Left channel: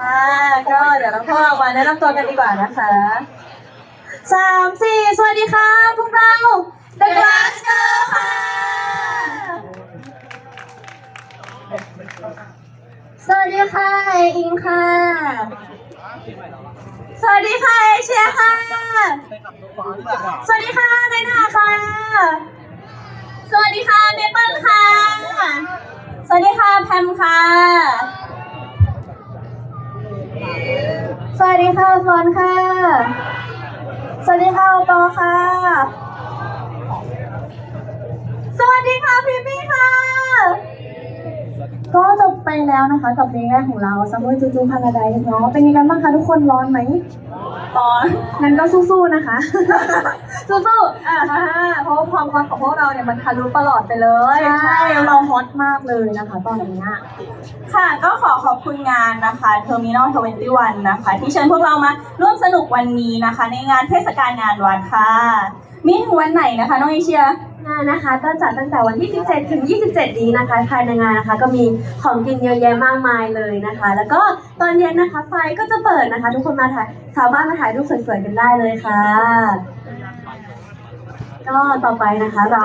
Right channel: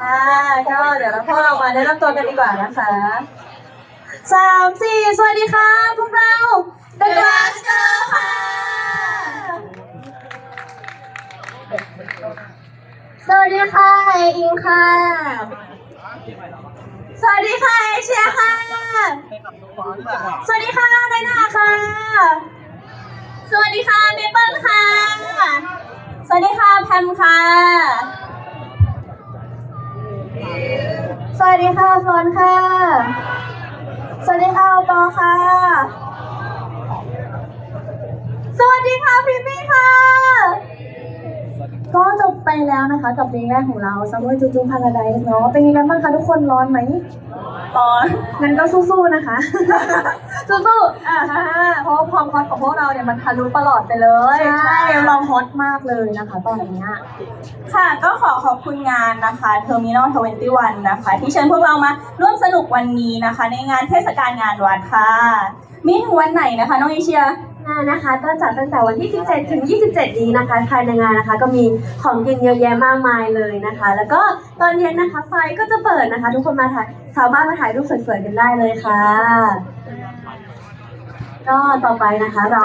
ค่ะก็เดี๋ยวเราพวกเรามาแนะนำตัวกันดีกว่านะคะสามสี่สวัสดีค่ะ พวกเรา The Glass Girl ค่ะ สวัสดีค่ะ อิงค่ะ สวัสดีค่ะเอเชียค่ะ สวัสดีค่ะนายนาค่ะ ค่ะเมเปิลค่ะ สวัสดีค่ะแพมค่ะ สวัสดีค่ะฟอนค่ะ สวัสดีค่ะปอค่ะ สวัสดีค่ะพี่ปี้ค่ะ ก็จบไปแล้วนะคะ กับเพลงแรกของเรา Summer จูจูพาราไดเนาะเป็นยังไงบ้างคะทุกคนร้อนไหม ร้อน งั้นก็สู้ๆนะคะ สู้ๆอ่าฮะเพราะว่าความฮอตของพวกเราเนี่ยมันทะลุประหลอดไปเลยใช่ เราฮอตมากเลยนะคะ ตอนนี้ค่ะ ก็ขอขอบคุณงานนะคะ Terminal 21 นะคะ ที่เชิญพวกเรามาร่วมสนุกวันนี้นะคะ ในงานเทศกาลงานวัดค่ะ มีถึงวันไหนนะคะ น้องเอเชีย งานนะคะก็จัดตั้งแต่วันที่ 17 ถึง 27 นี้นะคะ ภายในงานนะคะ ก็มีของกินเยอะแยะมากมายเลยนะคะ แล้วก็ตอนเย็นนะคะ ไฟก็จะเปิดนะคะ ทุกคนมาถ่ายสามารถมาถ่ายรูปสวยๆกันได้เลยค่ะ ก็ต่อไปนะคะเรา